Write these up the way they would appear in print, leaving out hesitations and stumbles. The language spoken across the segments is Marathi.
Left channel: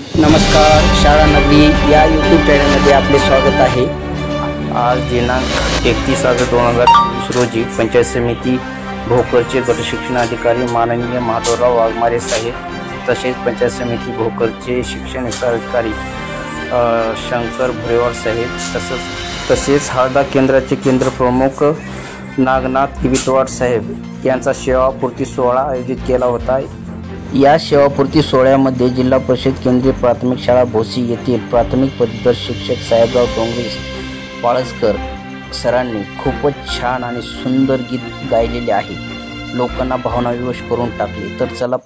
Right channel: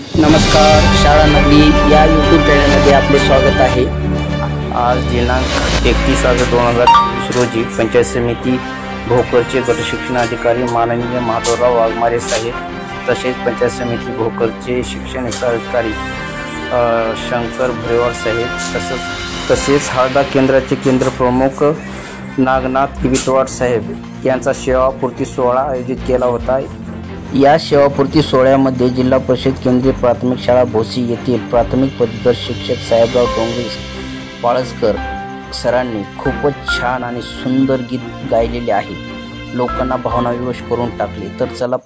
नमस्कार, शाळा नगरी या यूट्यूब चॅनलमध्ये आपले स्वागत आहे। आज दिनांक 31 ऑगस्ट 2024 रोजी पंचायत समिती भोकरचे गट शिक्षणाधिकारी माननीय माधवराव वाघमारे साहेब तसेच पंचायत समिती भोकरचे शिक्षण अधिकारी शंकर भरेवार साहेब तसेच हळदा केंद्राचे केंद्र प्रमुख नागनाथ विटवार साहेब यांचा सेवापूर्ती सोहळा आयोजित केला होता। या सेवापूर्ती सोहळ्यामध्ये जिल्हा परिषद केंद्रीय प्राथमिक शाळा भोसी येथील प्राथमिक पदवीधर शिक्षक साहेबराव डोंगरे पाळसकर सरांनी खूपच छान आणि सुंदर गीत गायलेले आहे। लोकांना भावनाविवश करून टाकले। तर चला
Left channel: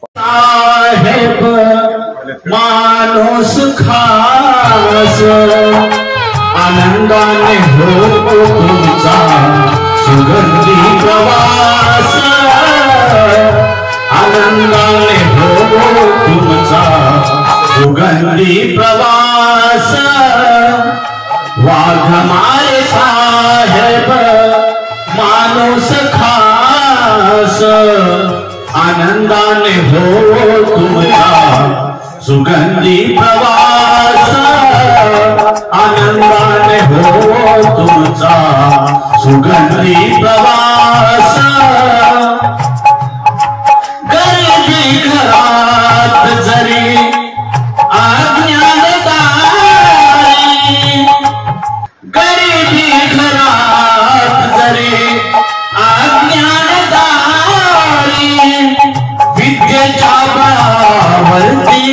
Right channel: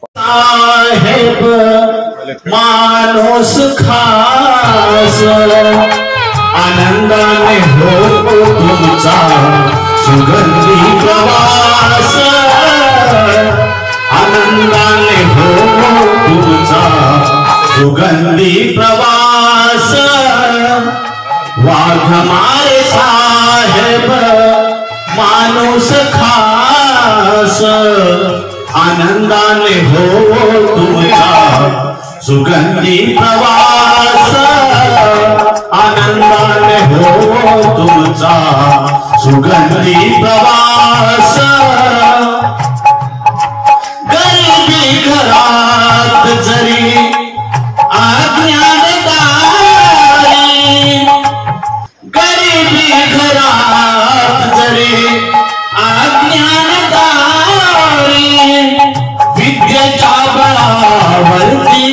माणूस खास आनंदाने होतो तुमचा सुगंधी प्रवास, आनंदाने होतो तुमचा सुगंधी प्रवास। वाघमारे साहेब माणूस खास आनंदाने हो तुमचा सुगंधी प्रवास, आनंदाने हो तुमचा सुगंधी प्रवास। गरिबी घरात जरी अज्ञानदारी, गरिबी घरात जरी अज्ञानदारी, विद्येच्या बळावरती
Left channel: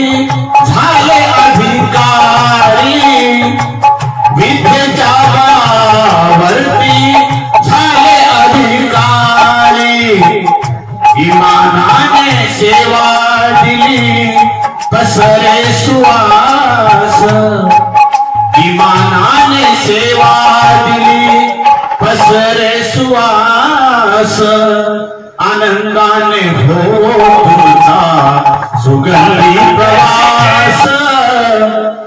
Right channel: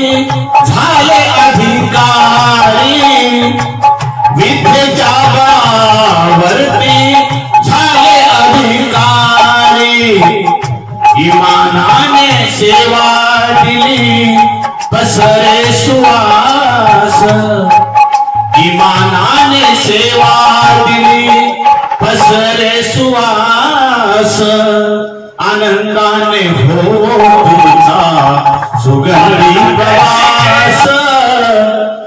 झाले अधिकारी, विद्येच्या बळावरती झाले अधिकारी। इमानाने सेवा दिली पसरे सुवास, इमानाने सेवा दिली पसरे सुवास। आनंदाने हो तुमचा सुगंधी प्रवास,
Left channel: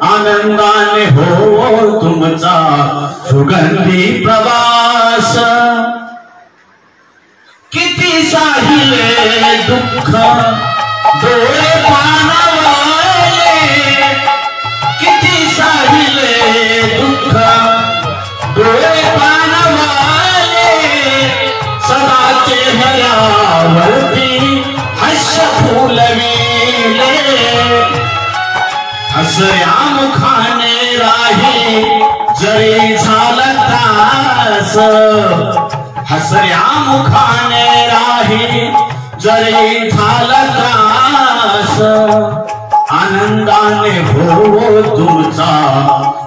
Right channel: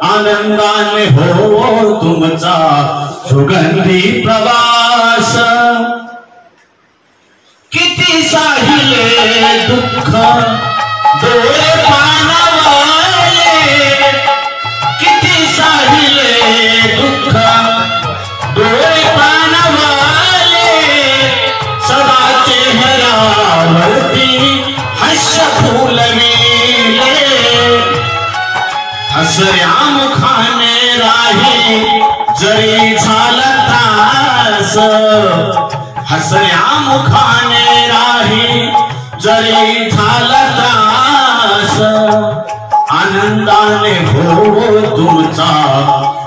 आनंदाने हो तुमचा सुगंधी प्रवास। किती साहिले दुःख डोळे पाणावले, किती साहिले दुःख डोळे पाणावले। सदा चेहऱ्यावरती हास्य फुलविले, हसऱ्या मुखाने राही जरी झाला त्रास, हसऱ्या मुखाने राही जरी झाला त्रास। आनंदाने हो तुमचा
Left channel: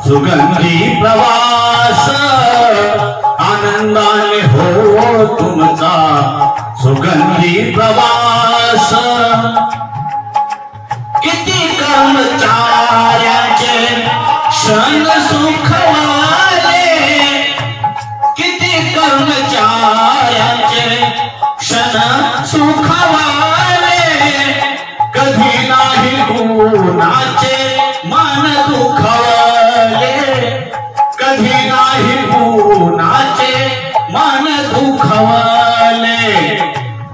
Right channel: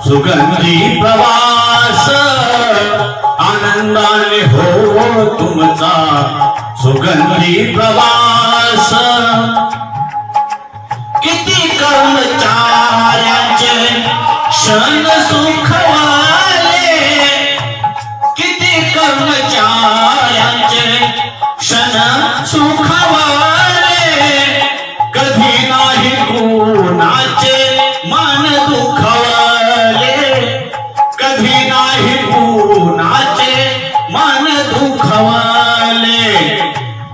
सुगंधी प्रवास, आनंदाने हो तुमचा सुगंधी प्रवास। किती कर्मचाऱ्यांचे क्षण सुखवाले, किती कर्मचाऱ्यांचे क्षण सुखवाले। कधी नाही गुणाचे मान दुखवले, कधी नाही गुणाचे मान दुखवले।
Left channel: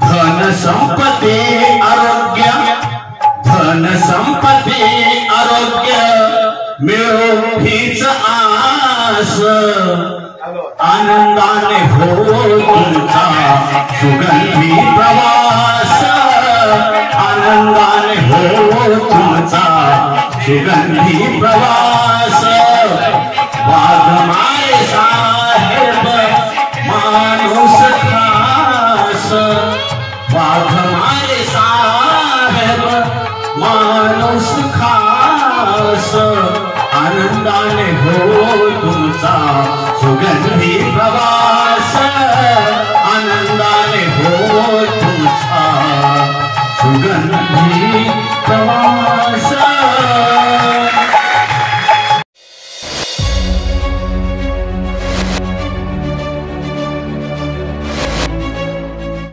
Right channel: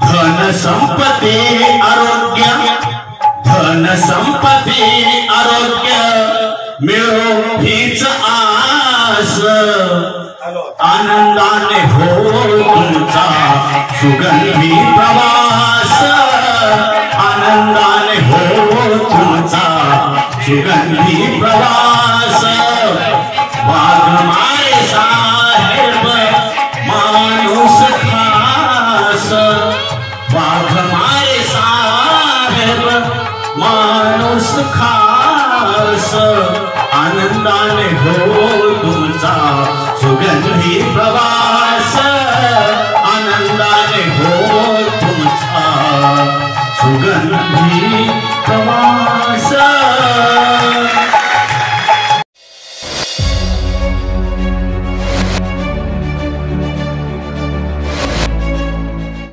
धन संपत्ती आरोग्य, धन संपत्ती आरोग्य मिळो हीच आस। आनंदाने हो तुमचा सुगंधी प्रवास, आनंदाने हो तुमचा सुगंधी प्रवास। वाघमारे साहेब माणूस खास, वाघमारे साहेब माणूस खास आनंदाने हो